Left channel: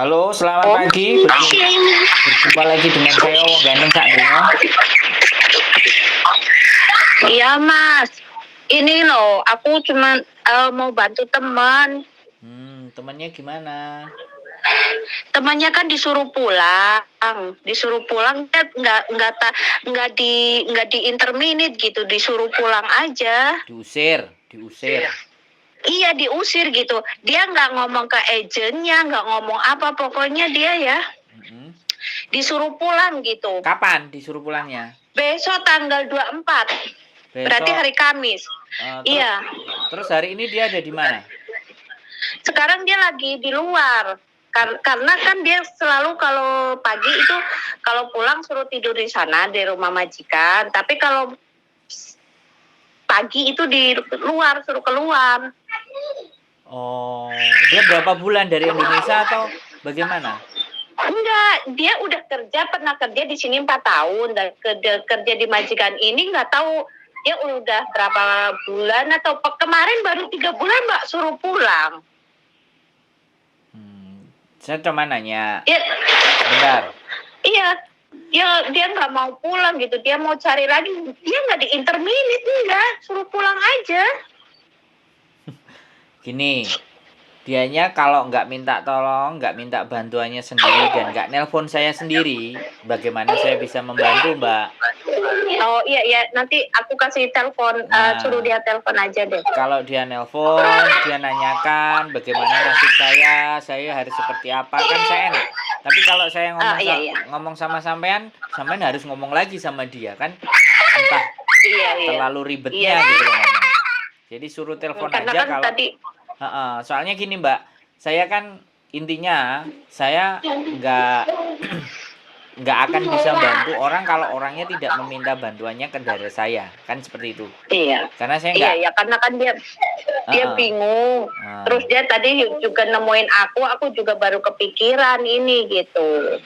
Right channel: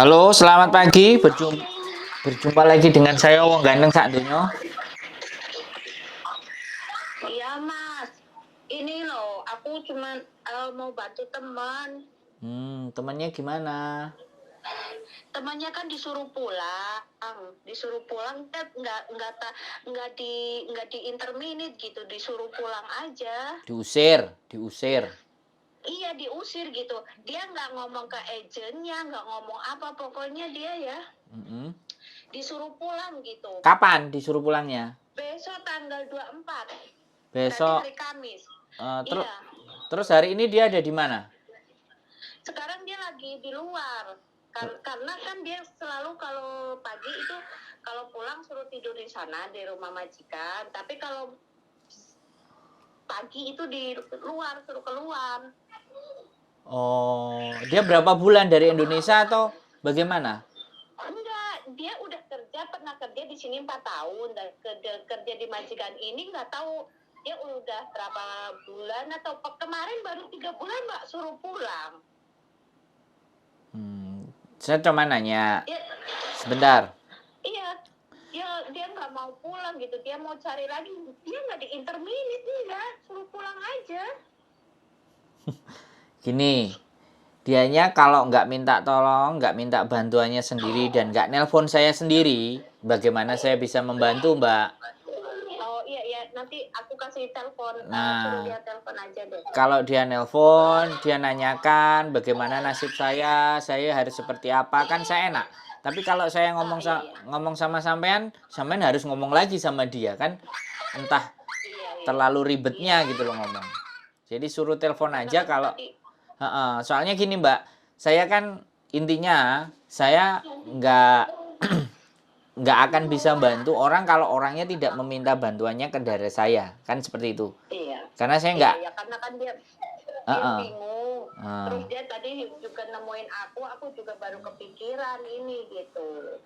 Halo, selamat pagi. Berjumpa lagi dengan saya Wong Ganteng Sak Donya. Iya Mas, ini loh aku cuma mau bantu teman. Temannya gimana? Temannya kan disuruh pulang, dia nggak di interminate gitu, disuruh pulang aja. Diusir. Iya diusir gitu. Dia nggak ngomong ke agennya, nggak ngomong apa, pokoknya dia ya Mm-mm. disuruh pulang gitu. Kapan disuruh pulangnya? Besok tanggal 24. Berarti Besok. hari Kamis. Iya. Terus hari ini dia ada di mana? Sekarang dia lagi di luar. Karena kan dia selalu kalau pagi itu kalau pulang suruh tidur di sana di rumah majikan, tapi kalau pagi itu di luar, suruh keluar. Oh, dia berapa bulan dari Indonesia atau bagaimana? Enggak, dia udah pernah kerja di sini 4 tahun dan kerja di majikan ini nggak tahu dia udah berapa bulan atau kemarin baru 3 bulan Mbak suruh pulang. Saya cuma nanya. Ya, Sebentar. iya, dia nggak mau pulang gitu, dia mau cari lagi, dia nggak di interminate, enggak, suruh pulang aja. Gini, dianya kalau nggak minta tolong, nggak minta bantuannya sendiri dan nggak nelpon saya sendiri, bagaimana saya bisa membantu, Mbak? Oh iya, nanti aku kasih telepon, suruh dia telepon aja deh. Kalau dia nelpon, dia nanyakan bagaimana nasib saya harus seperti apa, kan saya enak. Tapi kalau saya ngomong sama sampean harus ngomong lagi sama dia kan, entah terlalu ribetnya gitu loh ngomong. Jadi suruh telepon aja kan kalau. Soalnya gini Mbak, saya kan intinya saya nggak akan bisa bantu orang kalau orangnya tidak meminta bantuannya ke dari saya, kan seperti itu. Iya. Karena saya nggak. Iya, karena kan dia bingung. Terus dia tadi juga nemuin aku juga baru kepikiran ini gitu.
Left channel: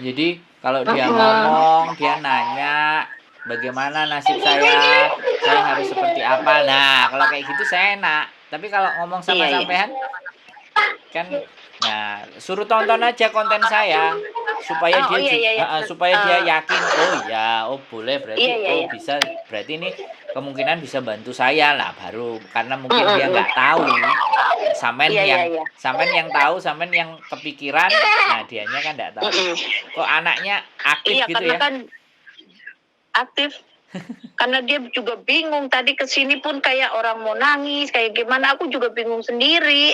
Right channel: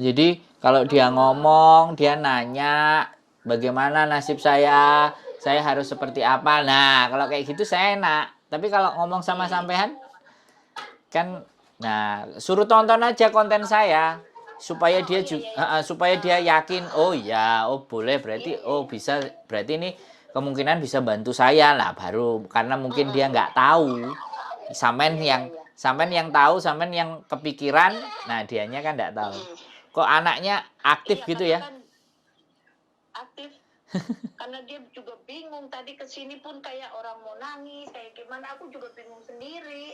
Jadi kalau dia ngomong, dia nanya bagaimana nasib saya harus seperti apa. Nah, kalau kayak gitu saya enak. Tapi kalau ngomong sama sampean kan, nah suruh tonton aja konten saya supaya dia yakin, boleh berarti bisa, berarti ini kemungkinan bisa bantu saya lah, baru karena mungkin dia nggak tahu, sampean yang tahu, sampean yang kepikiran, nah dianya kan nggak tahu. Kok anaknya aktif gitu ya? Kan aktif. Karena dia juga bingung, tadi kesini pun kayak orang mau nangis, kayak gimana, aku juga bingung sendiri.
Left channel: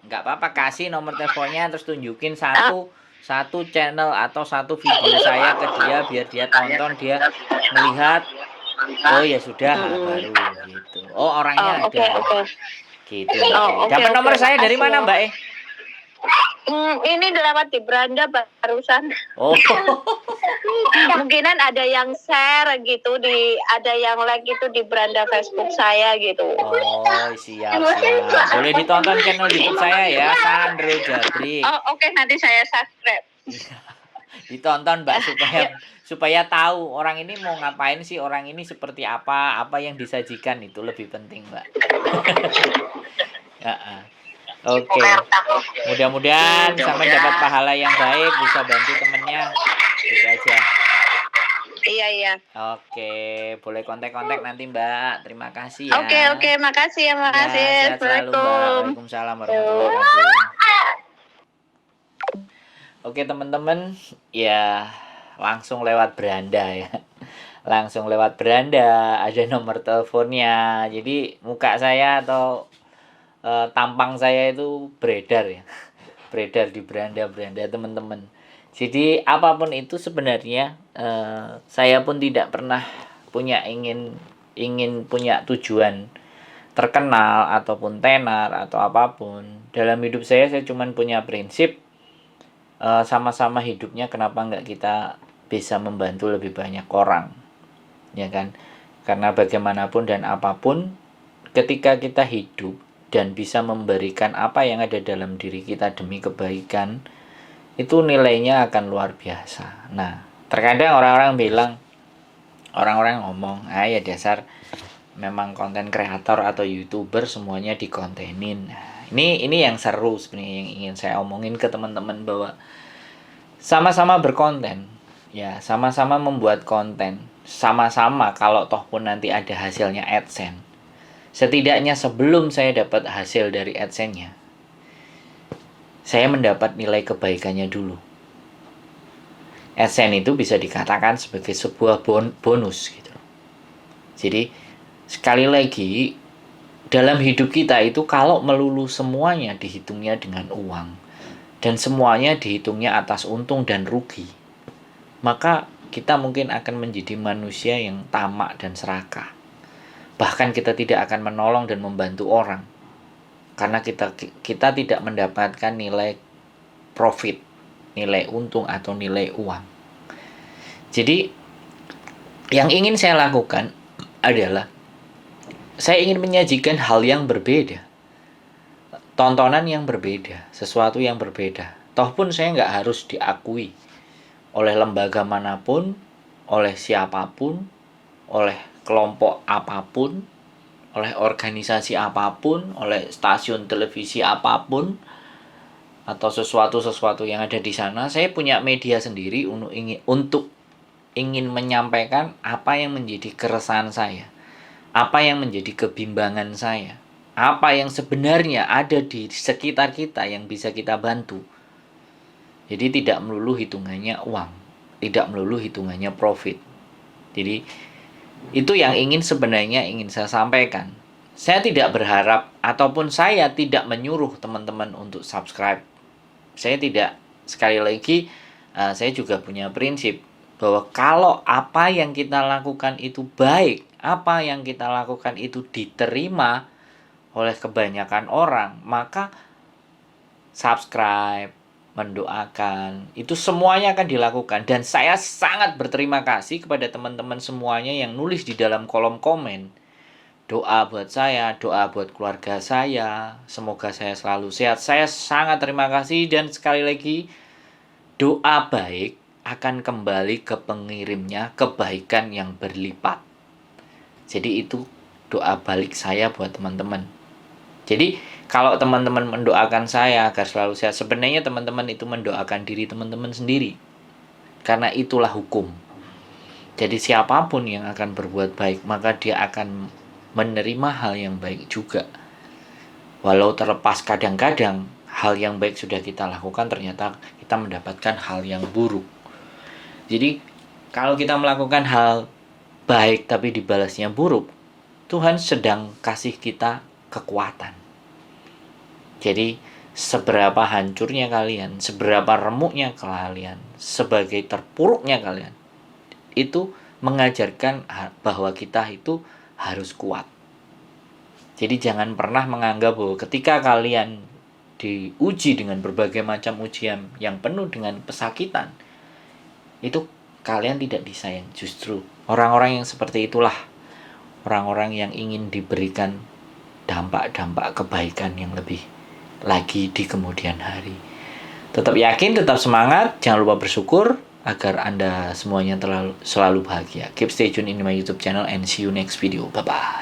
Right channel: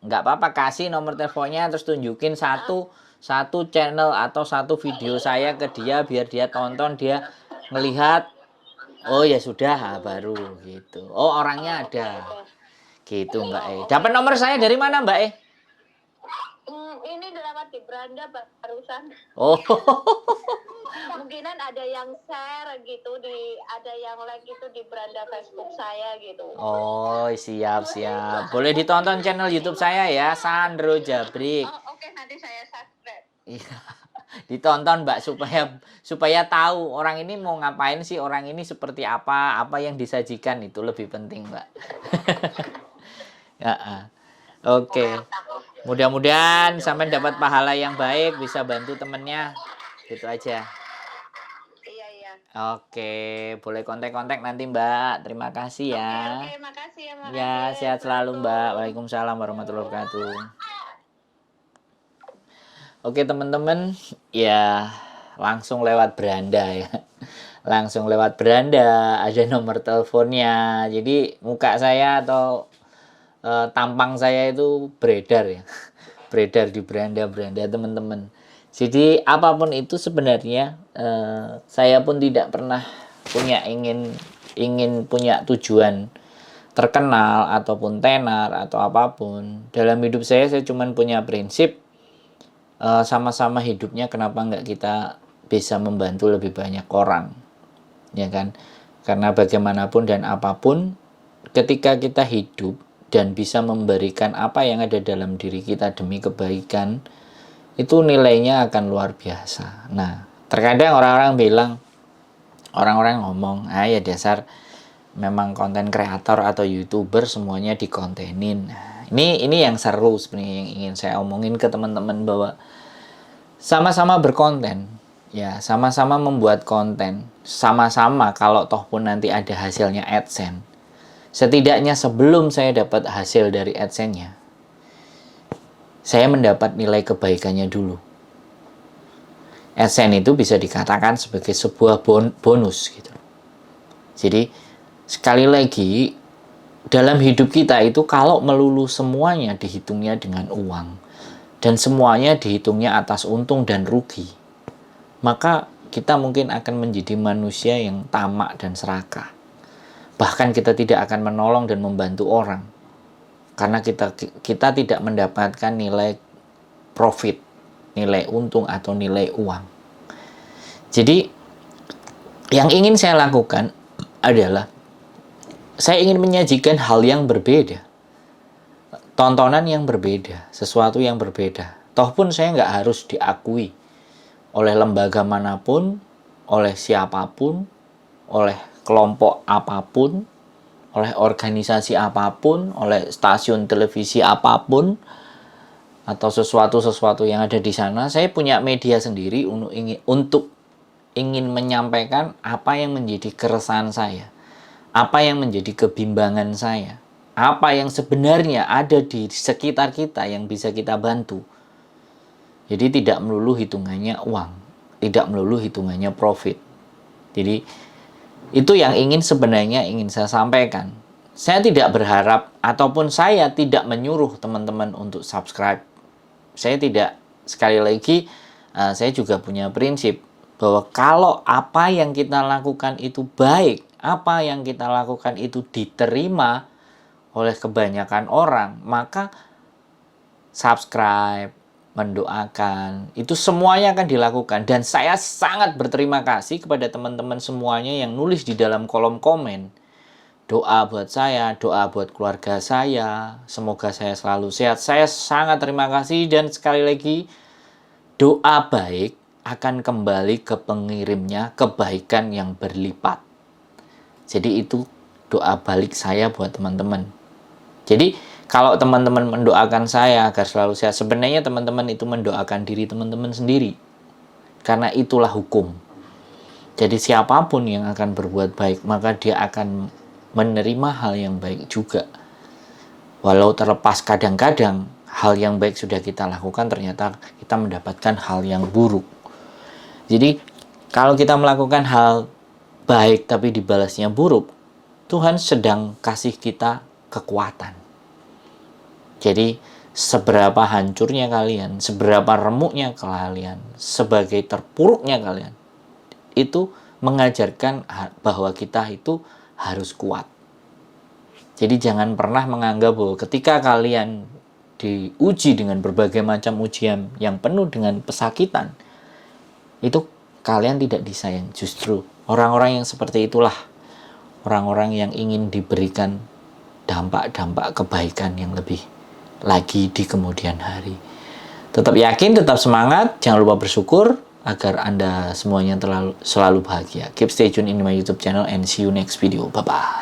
Nggak apa-apa, kasih nomor teleponnya terus tunjukin satu channel atau satu video saya ke dia, biar dia tonton, dia melihat, oh ya sudah, baru gitu. Oh orangnya ada. Gitu. Dapat nomor saya dari mana Mbak? Ini lewat di beranda barusan. Oh. Mungkinan ada yang share gitu, ada yang like gitu di beranda Facebook saya gitu. Oh siap. Boleh ditonton channel YouTube saya ya, Sandro Jabrik. Oke, nanti saya subscribe. Ditonton Mbak supaya tahu orang ini mau ngapain sih, orang ini seperti apa yang disajikan, itu lebih penting Mbak. Oke. Mudah-mudahan sampai dapat pahala yang baik, bisa bantu temennya. Gitu aja. Iya. Oke, boleh kontak nanti Mbak. Terima kasih ya. Oke, makasih ya, makasih. Ya, sehat selalu Mbak. Waalaikumsalam warahmatullahi wabarakatuh. Oke teman-teman, ya langsung lewat beranda ya. Langsung lewat beranda, ada nomor teleponnya. Jadi muka saya atau tampang saya itu beredar ya. Beredar di beranda teman-teman. Jadi apapun itu sebenarnya saya pun tidak pernah punya ingin punya tujuan terkenal ataupun tenar atau apapun. Dalam hidup saya cuma punya prinsip, sama-sama hidupnya kenapa nggak kita bisa membantu lebih banyak orang, ya kan? Karena bagaimanapun dan apapun, ketika kita hidup dan bisa memberikan apa yang ada dalam diri kita demi kebaikan, itu nilainya akan luar biasa. Nah, terkadang orang-orang ngomong, ya dasar memang konten kreator atau YouTuber semuanya dikontenin. Nah, Ini yang seru sebenarnya yang ingin saya omongin ke teman-teman, bahwa sama-sama berkonten, ya sama-sama membuat konten, sama-sama kalau toh pun nanti ada hasilnya AdSense. Setidaknya sebelum saya dapat hasil dari AdSense-nya, saya mendapat nilai kebaikannya dulu. AdSense itu bisa dikatakan sebagai sebuah bonus gitu. Jadi sekali lagi, dalam hidup kita itu kalau melulu semuanya dihitungnya dengan uang dan semuanya dihitungnya atas untung dan rugi, maka kita mungkin akan menjadi manusia yang tamak dan serakah. Bahkan kita tidak akan menolong dan membantu orang karena kita tidak mendapatkan nilai profit, nilai untung atau nilai uang. Jadi yang ingin saya lakukan adalah saya ingin menyajikan hal yang berbeda, tontonan yang berbeda, sesuatu yang berbeda. Toh pun saya nggak harus diakui oleh lembaga manapun, oleh siapapun, oleh kelompok apapun, oleh organisasi apapun, oleh stasiun televisi apapun, atau sesuatu yang ada di sana. Saya punya media sendiri untuk ingin menyampaikan apa yang menjadi keresahan saya, apa yang menjadi kebimbangan saya, apa yang sebenarnya ada di sekitar kita yang bisa kita bantu. Jadi tidak melulu hitungannya uang, tidak melulu hitungannya profit. Jadi itu yang sebenarnya ingin saya sampaikan. Saya tidak berharap ataupun saya tidak menyuruh teman-teman untuk subscribe. Saya tidak, sekali lagi, saya juga punya prinsip bahwa kalau apa yang kita lakukan itu baik, apa yang kita lakukan itu diterima oleh kebanyakan orang, maka subscribe, mendoakan, itu semuanya akan dilakukan. Dan saya sangat berterima kasih kepada teman-teman semuanya yang nulis di dalam kolom komen. Doa buat saya, doa buat keluarga saya, semoga saya selalu sehat. Saya sangat terima kasih, dan sekali lagi, doa baik akan kembali ke pengirimnya kebaikan yang berlipat. Jadi itu doa balik saya buat teman-teman. Jadi kalau teman-teman mendoakan saya agar selalu sehat, sebenarnya teman-teman itu mendoakan diri teman-teman sendiri. Karena itulah hukum. Jadi siapapun yang akan berbuat baik, maka dia akan menerima hal yang baik juga. Walau terlepas kadang-kadang hal yang baik sudah kita lakukan, ternyata kita mendapatkan hal yang buruk. Jadi kalau kita melakukan hal baik tapi dibalasnya buruk, Tuhan sedang kasih kita kekuatan. Jadi seberapa hancurnya kalian, seberapa remuknya kalian, sebagai terpuruknya kalian, itu mengajarkan bahwa kita itu harus kuat. Jadi jangan pernah menganggap bahwa ketika kalian diuji dengan berbagai macam ujian yang penuh dengan pesakitan, itu kalian tidak disayang. Justru orang-orang yang seperti itulah orang-orang yang ingin diberikan dampak-dampak kebaikan yang lebih lagi di kemudian hari. Tetap yakin, tetap semangat, jangan lupa bersyukur agar Anda semuanya selalu bahagia. Keep stay tune in my YouTube channel and see you next video. Bye-bye.